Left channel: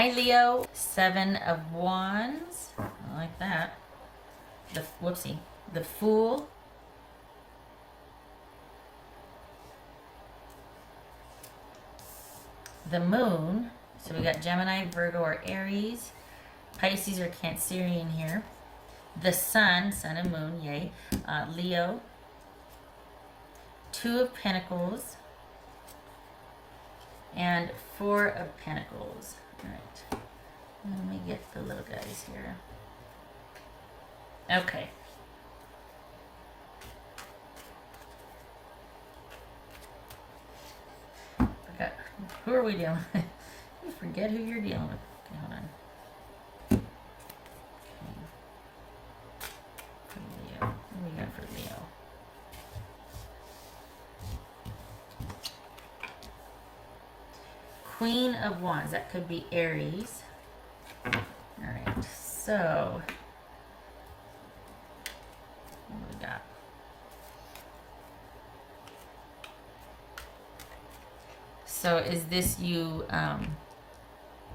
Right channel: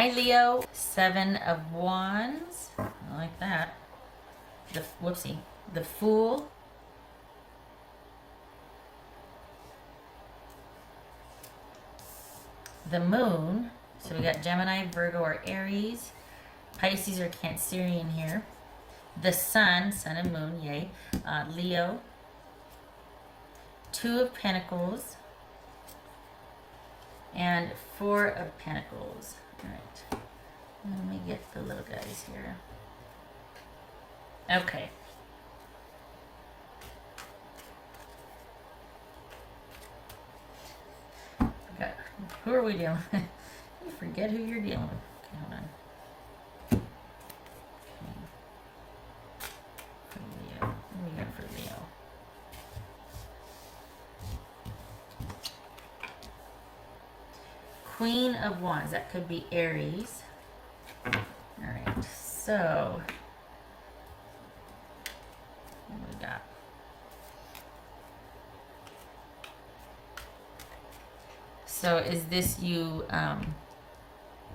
Hi, Leo. 7 of Wands. I like that. The Fool. The Moon. So we got Gemini, Virgo, or Aries. Pisces or Cancerian here. The Sun and Moon, yay. Leo. 2 of Pentacles. And 4 of Pentacles. Alright. Let me get the little guys here. Okay. Okay. Who are we dealing with? You forget who you're dealing with. Okay, hold on. What do we got for Leo? Queen of Wands. That could be Aries. Alright, so is this you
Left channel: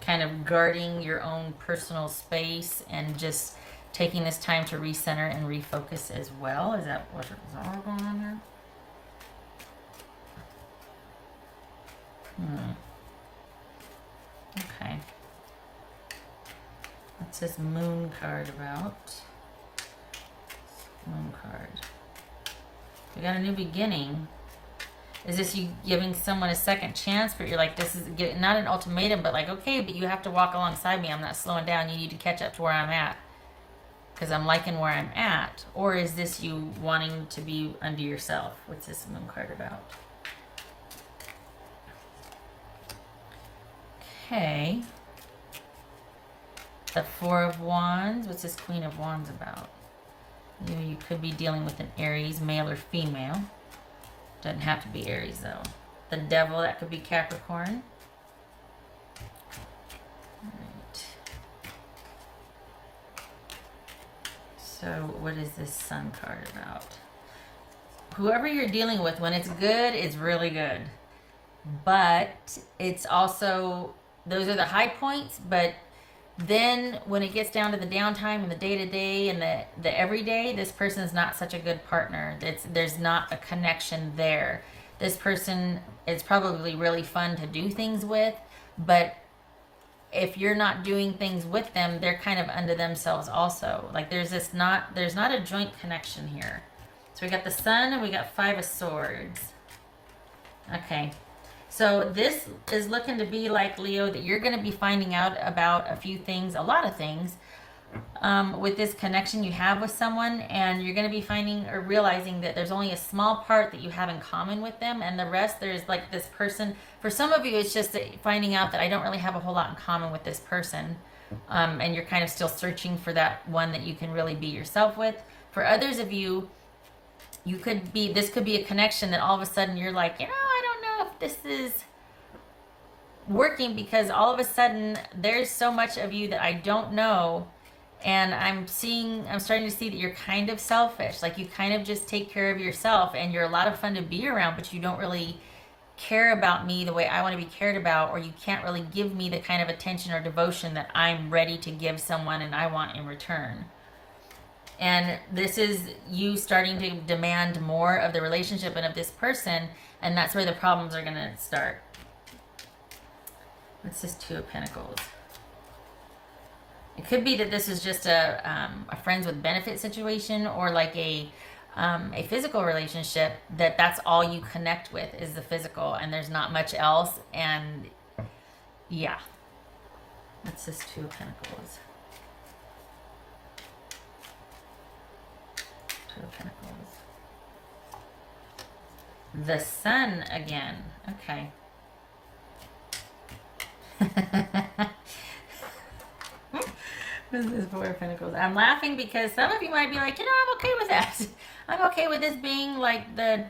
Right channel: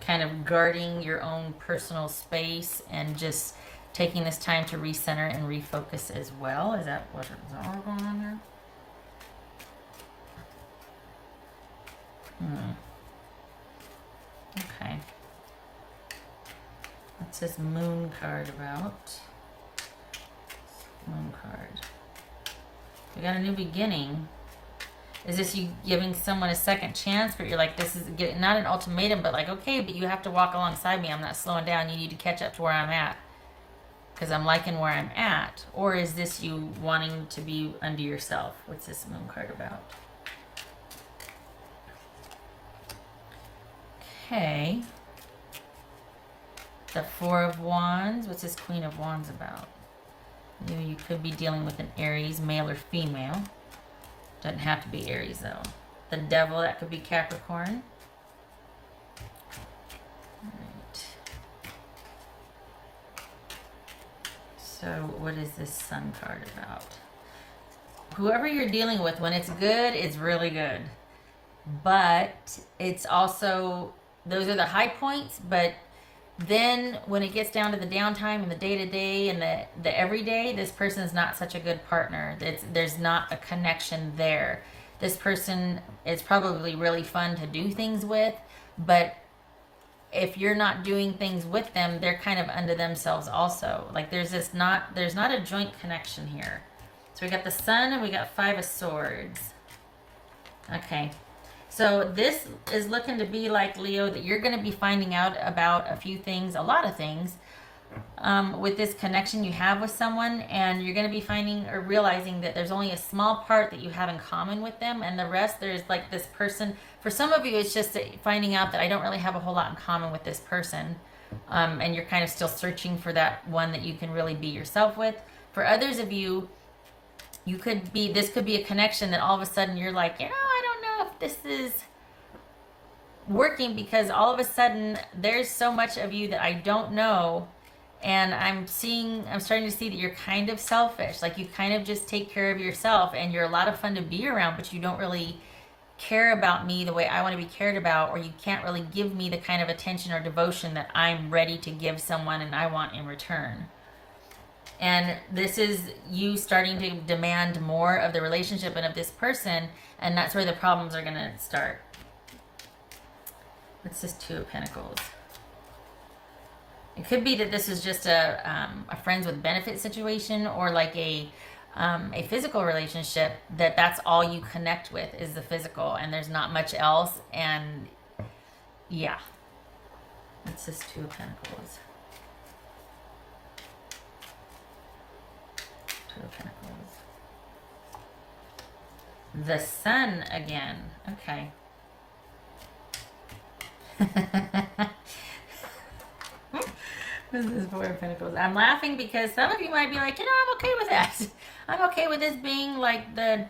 kind of guarding your own personal space and just taking this time to recenter and refocus as well? Is that what's all going on here? Okay. What's this Moon card about? Moon card. We got a new beginning. Is this you giving someone a second chance? But you're like, this is not an ultimatum, but like, okay, but you have to walk alongside me. I'm not slowing down. You need to catch up to where I'm at because I'm liking where I'm at. Or is this you wanting to be unto yourself? What's this Moon card about? Okay. The 4 of Wands. What's this Queen of Wands about? You could be dealing with an Aries, male or female. Doesn't have to be Aries though. The Devil, that could be Capricorn. Alright. So what is this Sun card about? Whoever you're dealing with, when it's good, it's really good. But it's also, those are the high points, but then when it gets down to the downtime and the day-to-day and the everyday, this person's not such a good partner. There's not a connection there. This person is probably really fun to do things with, but if you're not doing things with them, they're kind of unto themselves also. Like there's not a joint connection here. So we got the Sun and we got 5 of Swords. Okay. So this is looking to be like, Leo, that you're going to be finding out about a few things, a lot of things, with this connection you have with someone, and you're going to be finding or realizing that there's only a small part that you have in common with them, and the rest, there's like this person. For some of you, it's just finding out that I don't really have a whole lot in common with this person, and you're kind of still searching for that one that you can really be yourself with. For others of you, this could be a connection that all of a sudden you're like, you know, I don't know if this is working, because all of a sudden there's so much of you that I don't know, and I'm starting to see that you're kind of selfish. Like you kind of just take care of yourself, and you're a lot of fun to be around, but you don't really care about me the way I want to be cared about, or you can't really give me the kind of attention or devotion that I'm ready to give someone and I want in return. And this is you starting to demand more of the relationship and of this person, and that's where the problems are going to start. What's this 2 of Pentacles? It could be that this is just a friends with benefit situation, or like a physical relationship, that's all you connect with is the physical, and there's not much else. And yeah. What's this 2 of Pentacles? The Sun again. Okay. This is 4 of Pentacles. I'm laughing because some of you might be like, you know, I'm okay with that. I'm okay with this being like the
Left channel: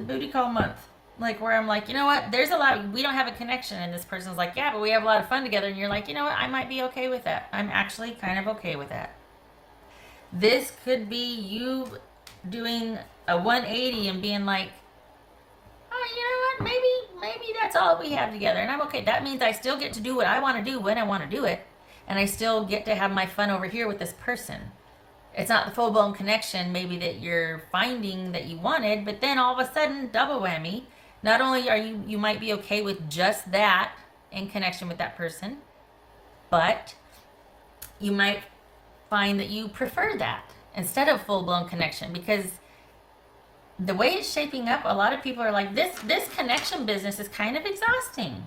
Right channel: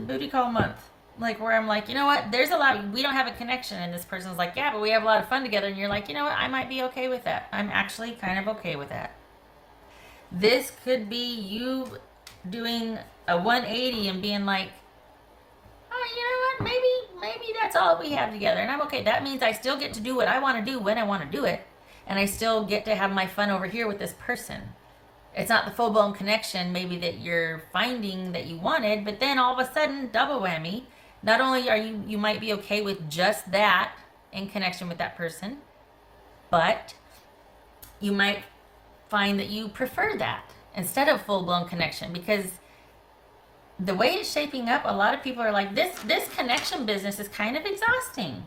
booty call month. Like where I'm like, you know what? There's a lot. We don't have a connection, and this person's like, yeah, but we have a lot of fun together. And you're like, you know what? I might be okay with that. I'm actually kind of okay with that. This could be you doing a 180 and being like, oh, you know what, maybe that's all we have together, and I'm okay. That means I still get to do what I want to do when I want to do it, and I still get to have my fun over here with this person. It's not the full-blown connection maybe that you're finding that you wanted, but then all of a sudden, double whammy. Not only are you might be okay with just that in connection with that person, but you might find that you prefer that instead of full-blown connection, because the way it's shaping up, a lot of people are like, this connection business is kind of exhausting.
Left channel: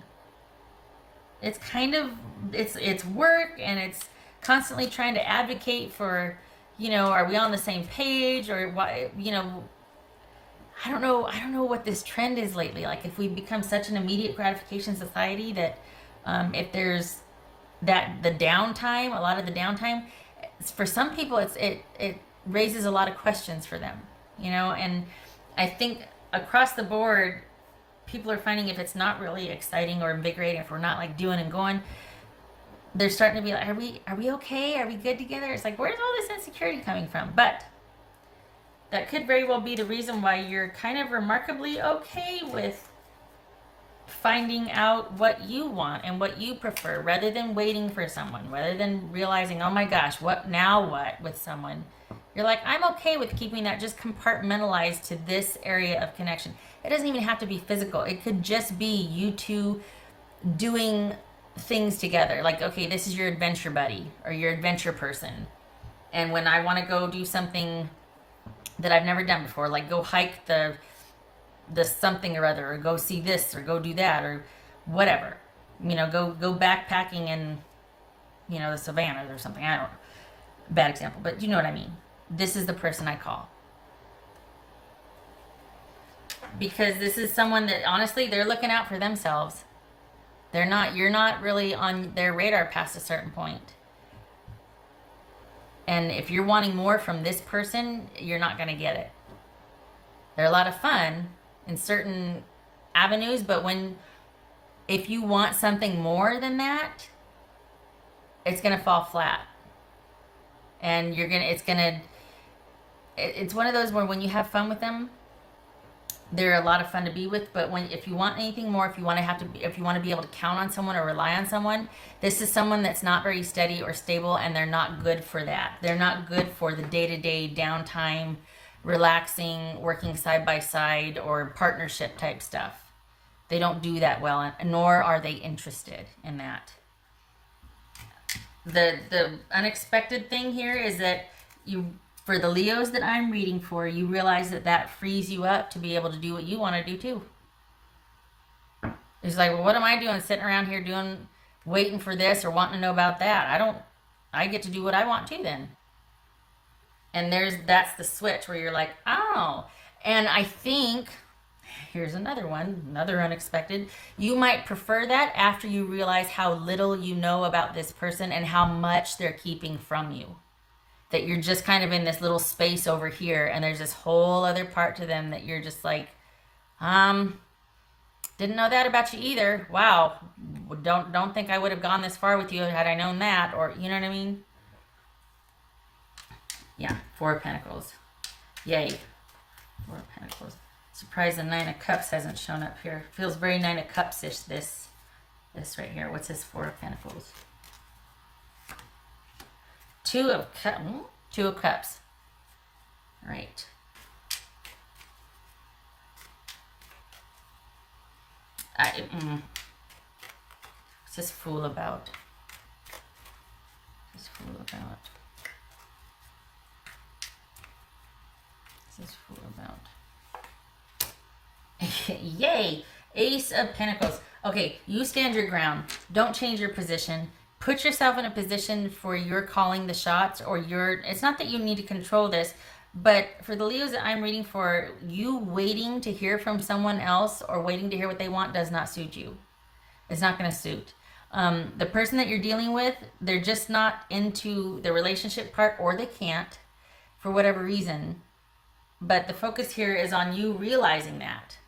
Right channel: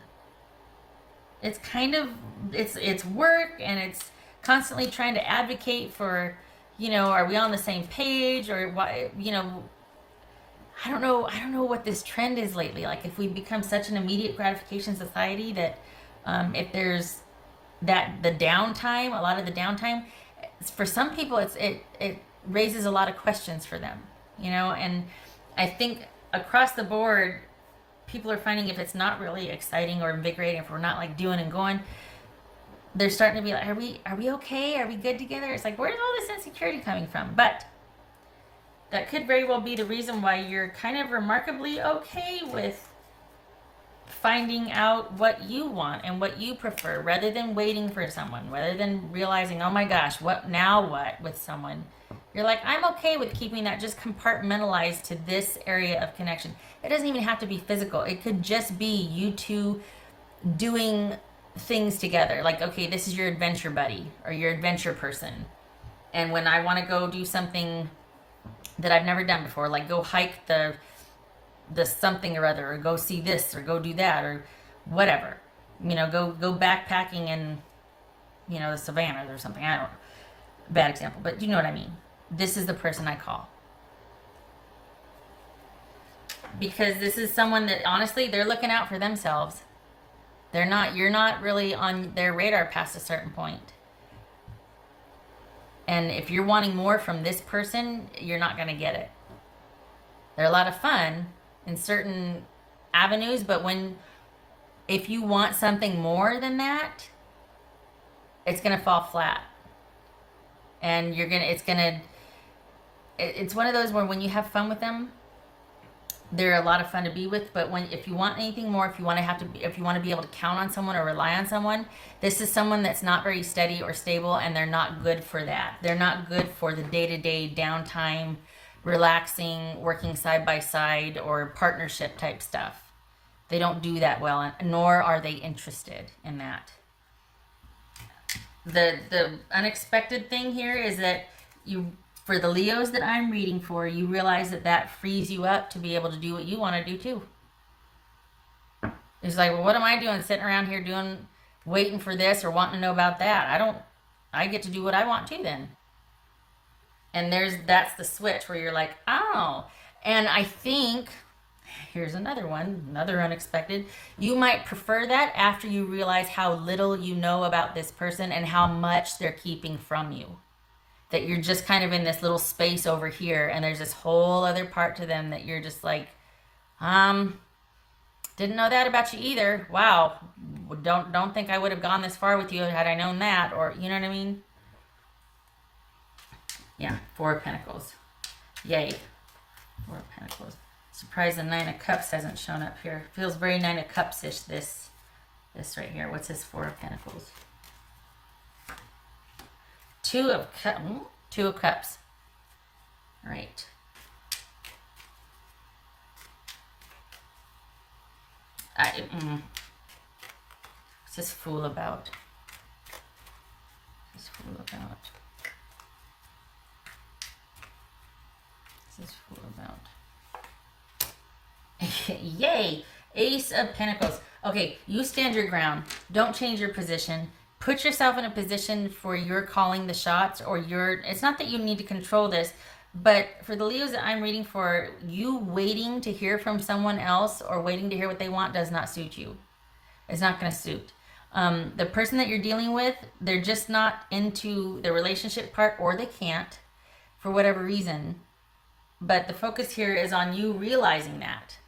It's kind of, it's work, and it's constantly trying to advocate for, are we on the same page, or what, I don't know what this trend is lately. Like, if we become such an immediate gratification society that if there's the downtime, a lot of the downtime, for some people it raises a lot of questions for them, and I think across the board, people are finding if it's not really exciting or invigorating, if we're not like doing and going, they're starting to be like, are we okay? Are we good together? It's like, where's all this insecurity coming from? But that could very well be the reason why you're kind of remarkably okay with finding out what you want and what you prefer, rather than waiting for someone, rather than realizing, oh my gosh, what with someone. You're like, I'm okay with keeping that just compartmentalized to this area of connection. It doesn't even have to be physical. It could just be you two doing things together. Like, okay, this is your adventure buddy or your adventure person. And when I want to go do something that I've never done before, like go hike the something or other, or go see this, or go do that, or whatever, go backpacking in, the savannas or something. I don't know. Bad example, but you know what I mean. This is the person I call. Because this is someone that, honestly, they're looking out for themselves. You're not really on their radar past a certain point. And if you're wanting more from this person, you're not going to get it. They're a lot of fun in certain avenues, but if you want something more than that, it's going to fall flat. And it's one of those where when you have fun with them, they're a lot of fun to be with. But if you want anything more, if you want to be able to count on someone or rely on someone, this is someone that's not very steady or stable, and they're not good for that. They're not good for the day-to-day downtime, relaxing, working side by side, or partnership type stuff. They don't do that well, nor are they interested in that. The unexpected thing here is that for the Leos that I'm reading for, you realize that frees you up to be able to do what you want to do too. It's like, well, what am I doing sitting around here waiting for this or wanting to know about that? I get to do what I want to then. And that's the switch where you're like, oh. And I think, here's another one, another unexpected. You might prefer that after you realize how little you know about this person and how much they're keeping from you. That you're just kind of in this little space over here, and there's this whole other part to them that you're just like, didn't know that about you either. Wow. Don't think I would have gone this far with you had I known that, or you know what I mean? Yeah, Four of Pentacles. Yay. Four of Pentacles. Surprised the Nine of Cups hasn't shown up here. Feels very Nine of Cups-ish, this right here. What's this Four of Pentacles? Two of Cups. Right. What's this Fool about? What's this Fool about? What's this Fool about? Yay! Ace of Pentacles. Okay, you stand your ground. Don't change your position. Put yourself in a position for you're calling the shots, or it's not that you need to control this, but for the Leos that I'm reading for, you waiting to hear from someone else or waiting to hear what they want does not suit you. It's not going to suit. The person that you're dealing with, they're just not into the relationship part, or they can't for whatever reason. But the focus here is on you realizing that.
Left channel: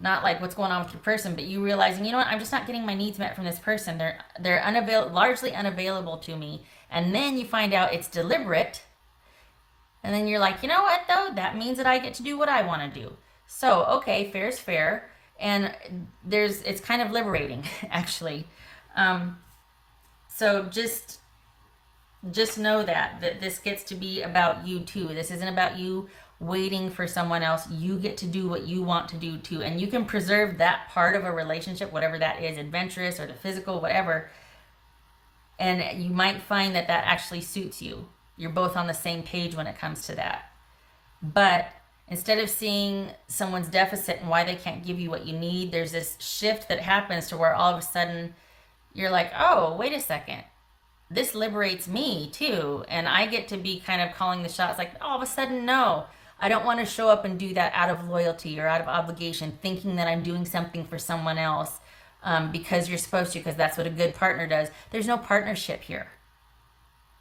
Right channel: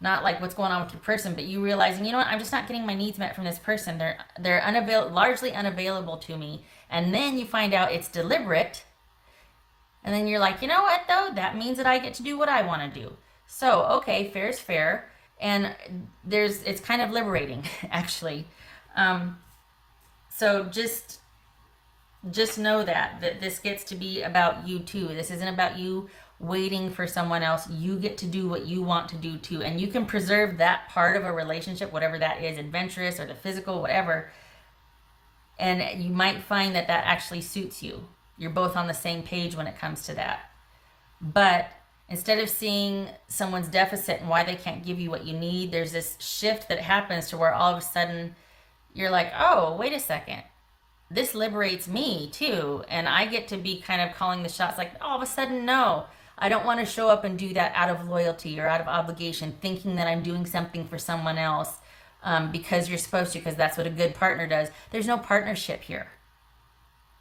Not like what's going on with your person, but you realizing, you know what, I'm just not getting my needs met from this person. They're largely unavailable to me. And then you find out it's deliberate. And then you're like, you know what, though? That means that I get to do what I want to do. So, okay, fair is fair. And it's kind of liberating, actually. So just know that this gets to be about you too. This isn't about you waiting for someone else. You get to do what you want to do too. And you can preserve that part of a relationship, whatever that is, adventurous or the physical, whatever. And you might find that actually suits you. You're both on the same page when it comes to that. But instead of seeing someone's deficit and why they can't give you what you need, there's this shift that happens to where all of a sudden you're like, oh, wait a second. This liberates me too. And I get to be kind of calling the shots, like all of a sudden, no, I don't want to show up and do that out of loyalty or out of obligation, thinking that I'm doing something for someone else because you're supposed to, because that's what a good partner does. There's no partnership here.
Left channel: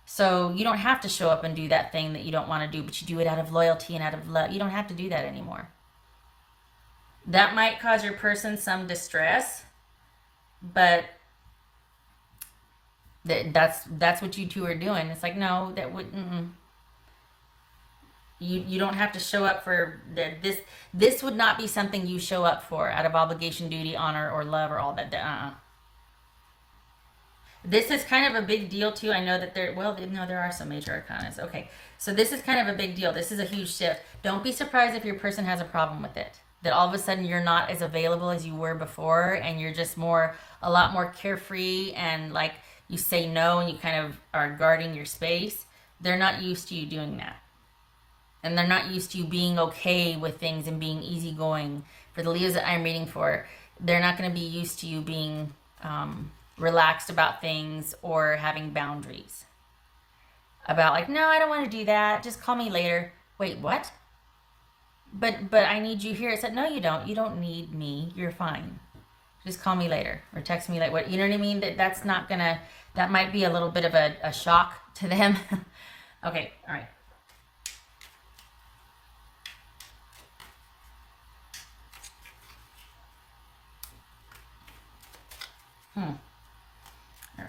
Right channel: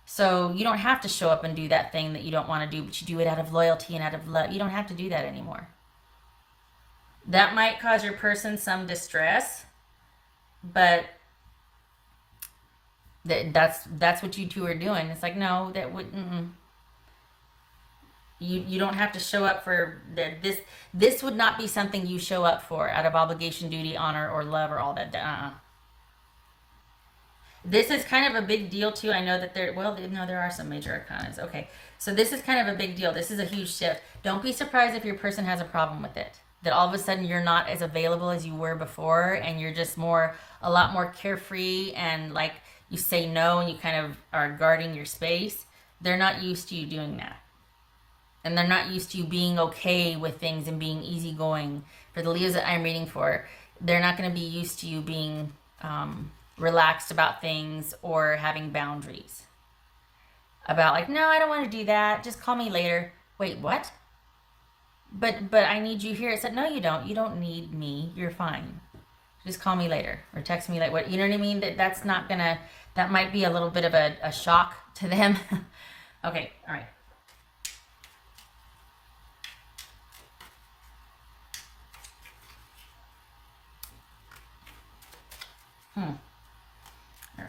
So you don't have to show up and do that thing that you don't want to do, but you do it out of loyalty and out of love. You don't have to do that anymore. That might cause your person some distress, but that's what you two are doing. It's like, no, that wouldn't. You don't have to show up for this. This would not be something you show up for out of obligation, duty, honor, or love, or all that. This is kind of a big deal too. I know that there are some major arcanas. Okay, so this is kind of a big deal. This is a huge shift. Don't be surprised if your person has a problem with it. That all of a sudden you're not as available as you were before, and you're just a lot more carefree, and like you say no, and you kind of are guarding your space. They're not used to you doing that. And they're not used to you being okay with things and being easygoing. For the Leos that I'm reading for, they're not going to be used to you being relaxed about things or having boundaries. About like, no, I don't want to do that. Just call me later. Wait, what? But I need you here. I said, no, you don't. You don't need me. You're fine. Just call me later or text me later. What, you know what I mean? That's not going to, that might be a little bit of a shock to them. Okay, all right.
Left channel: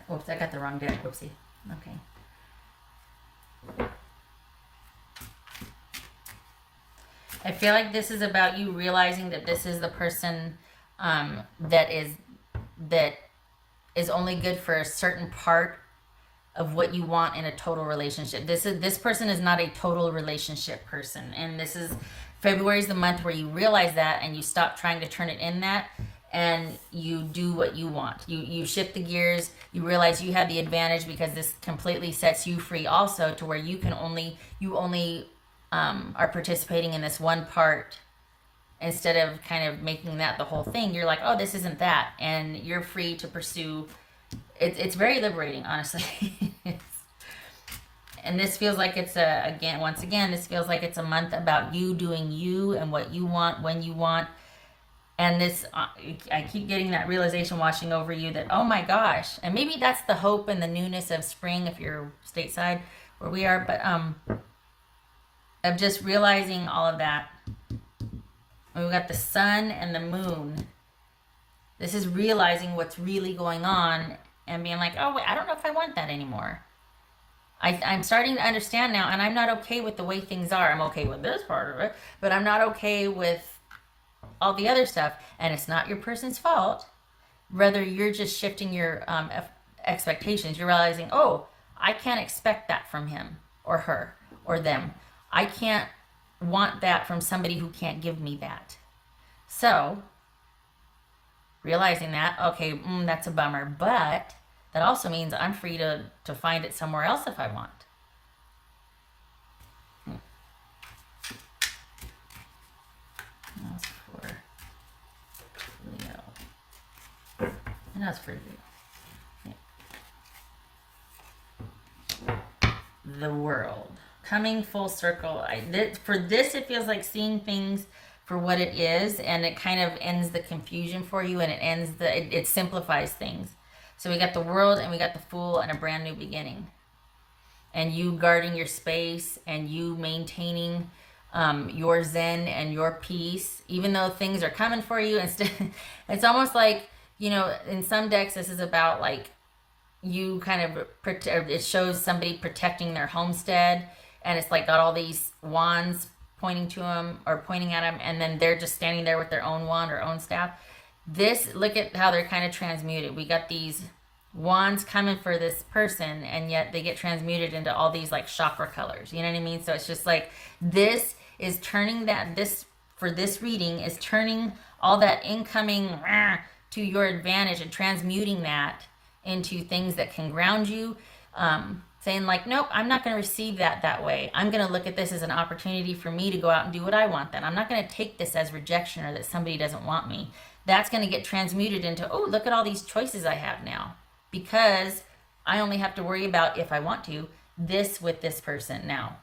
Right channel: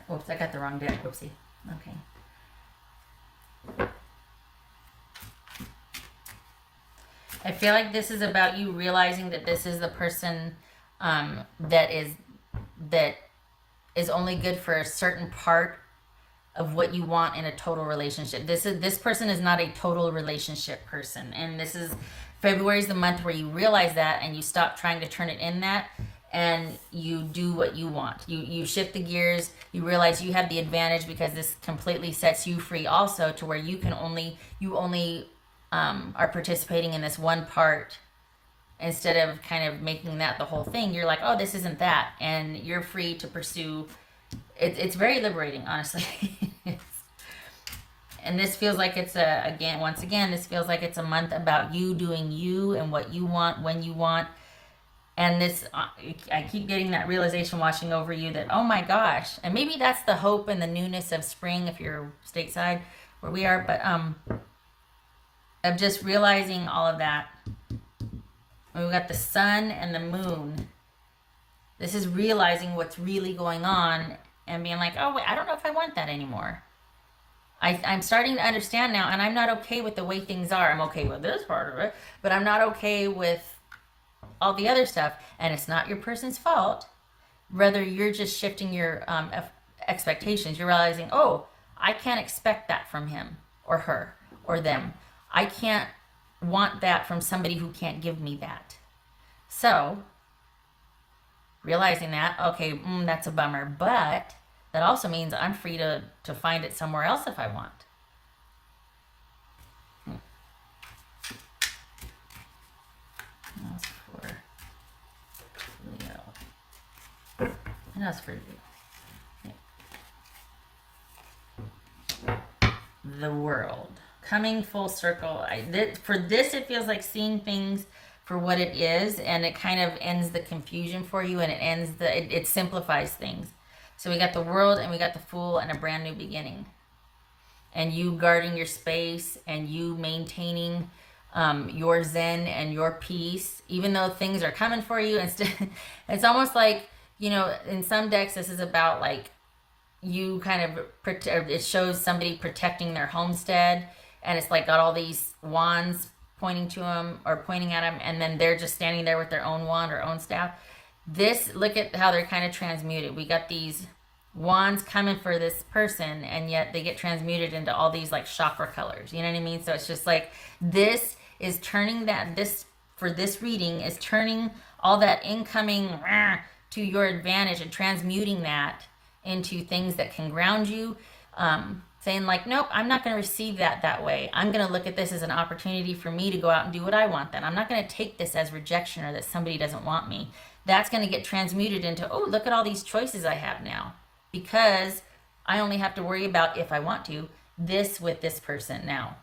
Whoops, I got the wrong day. Whoopsie. Okay. I feel like this is about you realizing that this is the person that is only good for a certain part of what you want in a total relationship. This person is not a total relationship person, and February is the month where you realize that and you stop trying to turn it in that. And you do what you want. You shift the gears. You realize you have the advantage because this completely sets you free also, to where you only are participating in this one part instead of kind of making that the whole thing. You're like, oh, this isn't that, and you're free to pursue. It's very liberating, honestly. And this feels like it's this feels like it's a month about you doing you and what you want when you want. And I keep getting that realization washing over you that, oh my gosh, and maybe that's the hope and the newness of spring if you're stateside where we are, but of just realizing all of that. And we've got the sun and the moon. This is realizing what's really going on and being like, oh, wait, I don't know if I want that anymore. I'm starting to understand now, and I'm not okay with the way things are. I'm okay with this part of it, but I'm not okay with all the other stuff, and it's not your person's fault. Rather, you're just shifting your expectations. You're realizing, oh, I can't expect that from him or her or them. I can't want that from somebody who can't give me that. So, realizing that, okay, that's a bummer, but that also means I'm free to find it somewhere else if I want. That's for the world coming full circle. For this, it feels like seeing things for what it is, and it kind of ends the confusion for you, and it simplifies things. So we got the world, and we got the Fool, and a brand new beginning. And you guarding your space, and you maintaining your zen and your peace, even though things are coming for you. It's almost like, you know, in some decks, this is about like you kind of it shows somebody protecting their homestead, and it's like got all these wands pointing to them or pointing at them, and then they're just standing there with their own wand or own staff. This, look at how they're kind of transmuted. We got these wands coming for this person, and yet they get transmuted into all these like chakra colors. You know what I mean? So it's just like, this is turning that, this, for this reading, is turning all that incoming to your advantage and transmuting that into things that can ground you. Saying like, nope, I'm not going to receive that way. I'm going to look at this as an opportunity for me to go out and do what I want. Then I'm not going to take this as rejection or that somebody doesn't want me. That's going to get transmuted into, oh, look at all these choices I have now, because I only have to worry about, if I want to, this with this person now.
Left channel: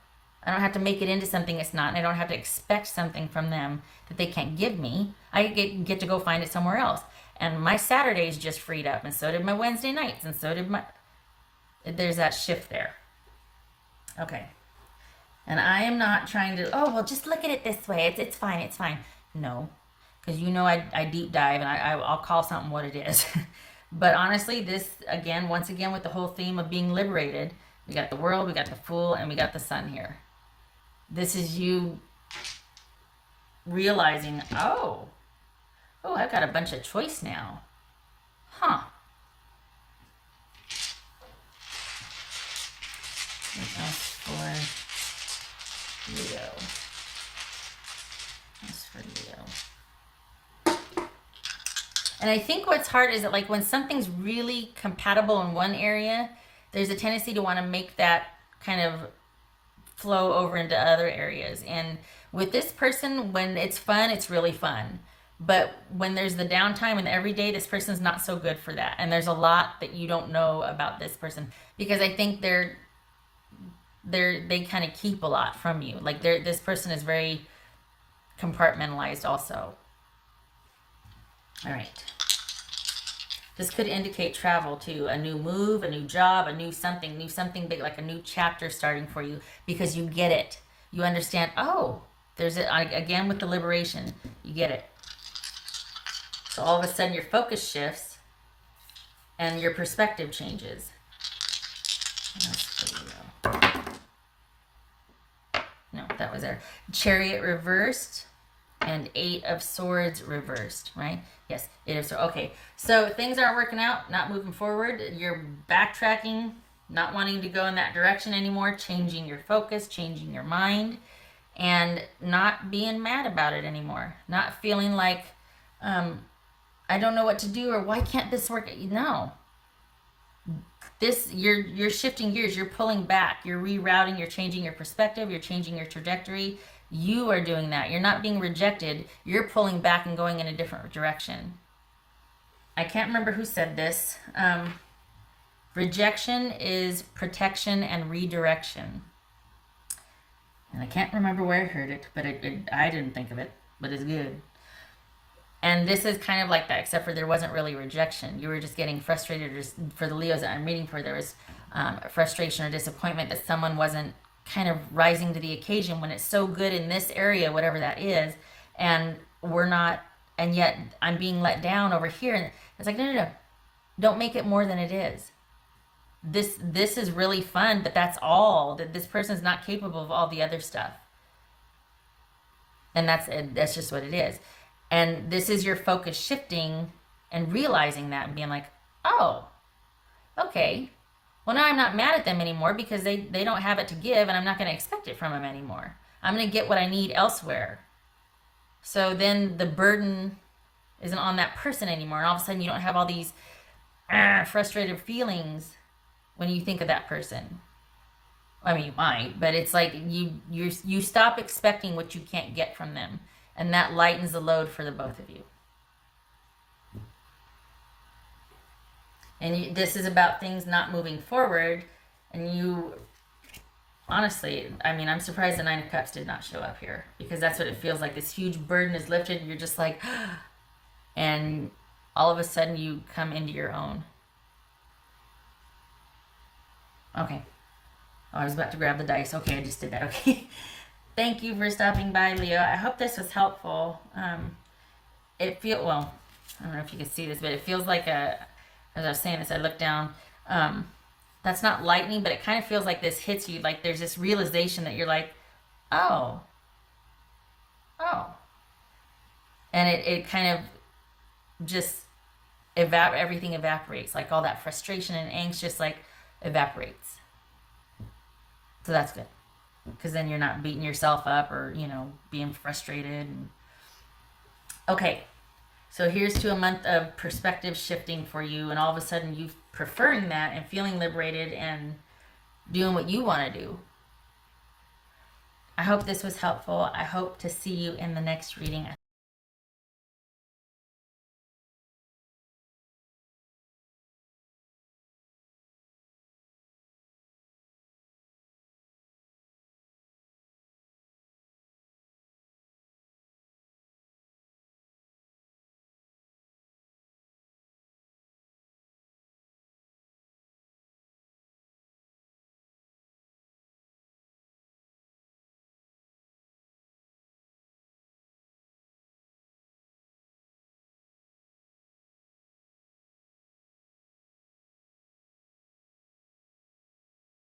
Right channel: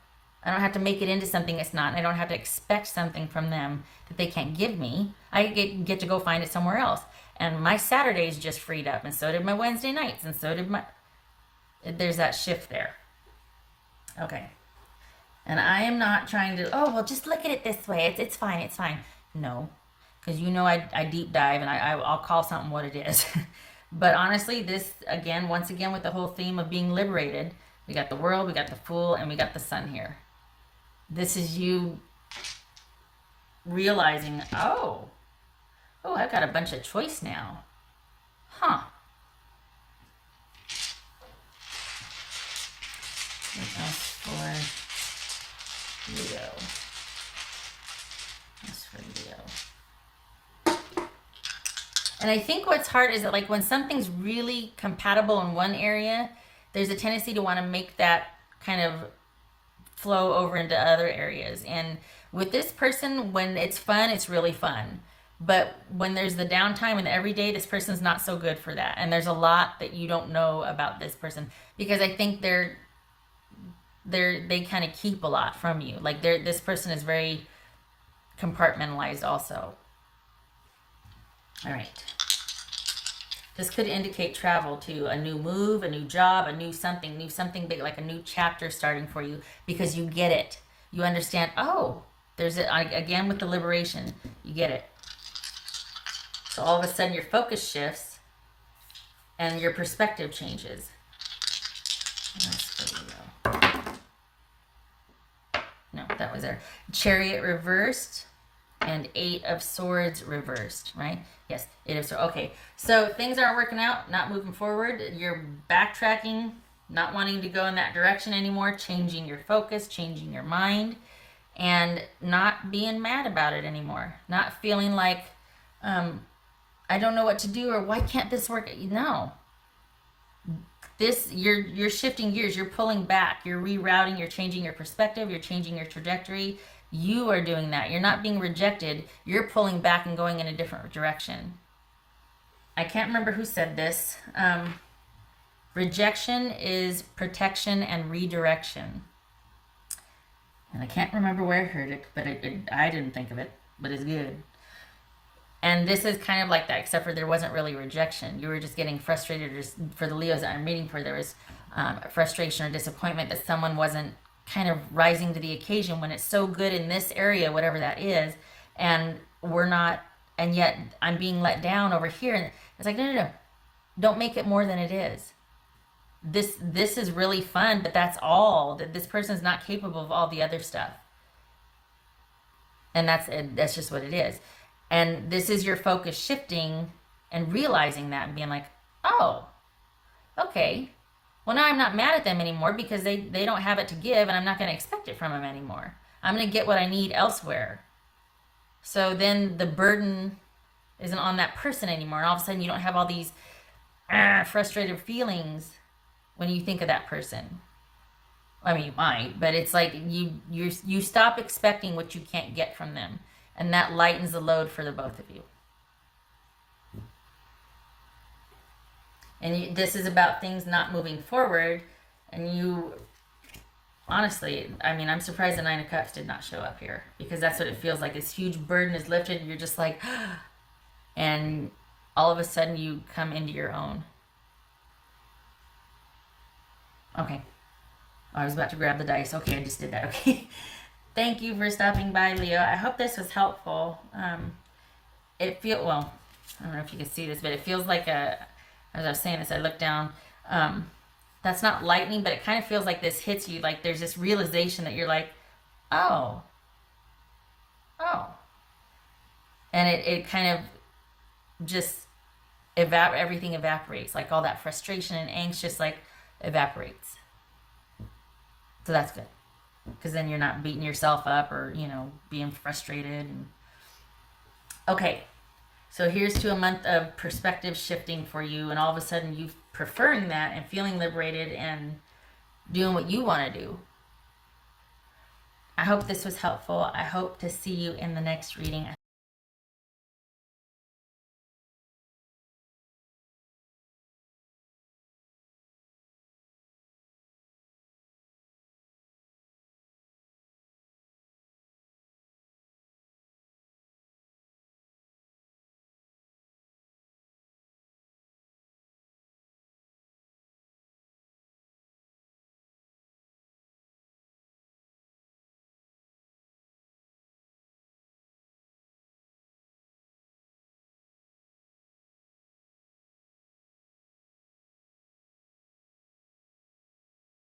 I don't have to make it into something it's not, and I don't have to expect something from them that they can't give me. I get to go find it somewhere else. And my Saturdays just freed up, and so did my Wednesday nights, and so did my... There's that shift there. Okay. And I am not trying to, oh, well, just look at it this way. It's fine, it's fine. No. Because you know I deep dive, and I'll call something what it is. But honestly, this, again, once again, with the whole theme of being liberated, we got the World, we got the Fool, and we got the Sun here. This is you realizing, oh, I've got a bunch of choice now. Huh. That's for Leo. That's for Leo. And I think what's hard is that, like, when something's really compatible in one area, there's a tendency to want to make that kind of flow over into other areas. And with this person, when it's fun, it's really fun. But when there's the downtime and the everyday, this person's not so good for that. And there's a lot that you don't know about this person, because I think they kind of keep a lot from you. Like, this person is very compartmentalized also. All right. This could indicate travel too, a new move, a new job, a new something big, like a new chapter starting for you, because you get it. You understand, oh, there's it, again with the liberation, you get it. So all of a sudden your focus shifts and your perspective changes. No, that was there. Chariot reversed and 8 of Swords reversed, right? Yes, 8 of Swords. Okay, so things aren't working out, not moving forward. You're backtracking, not wanting to go in that direction anymore, changing your focus, changing your mind, and not being mad about it anymore. Not feeling like, I don't know what to do, or why can't this work? No. This, you're shifting gears, you're pulling back, you're rerouting, you're changing your perspective, you're changing your trajectory. You are doing that. You're not being rejected. You're pulling back and going in a different direction. I can't remember who said this. Rejection is protection and redirection. And I can't remember where I heard it, but I didn't think of it, but it's good. And this is kind of like that, except for there wasn't really rejection. You were just getting frustrated. For the Leos that I'm reading for, there was frustration or disappointment that someone wasn't kind of rising to the occasion when it's so good in this area, whatever that is, and we're not, and yet I'm being let down over here. And it's like, no, don't make it more than it is. This is really fun, but that's all. That this person's not capable of all the other stuff, and that's just what it is. And this is your focus shifting and realizing that and being like, oh, okay. Well, now I'm not mad at them anymore because they don't have it to give, and I'm not going to expect it from them anymore. I'm going to get what I need elsewhere. So then the burden isn't on that person anymore, and all of a sudden you don't have all these frustrated feelings when you think of that person. I mean, you might, but it's like you stop expecting what you can't get from them, and that lightens the load for the both of you. And this is about things not moving forward, and you, honestly, I mean, I'm surprised the 9 of Cups did not show up here, because that's what it feels like. This huge burden is lifted, and you're just like, and all of a sudden you come into your own. Okay. Oh, I was about to grab the dice. Okay, I just did that. Okay. Thank you for stopping by, Leo. I hope this was helpful. Well, I don't know if you can see this, but it feels like as I was saying this, I looked down. That's not lightning, but it kind of feels like this hits you. Like there's this realization that you're like, oh, Oh. And it kind of just everything evaporates. Like all that frustration and angst just like evaporates. So that's good. Because then you're not beating yourself up or, being frustrated. Okay. So here's to a month of perspective shifting for you, and all of a sudden you preferring that and feeling liberated and doing what you want to do. I hope this was helpful. I hope to see you in the next reading.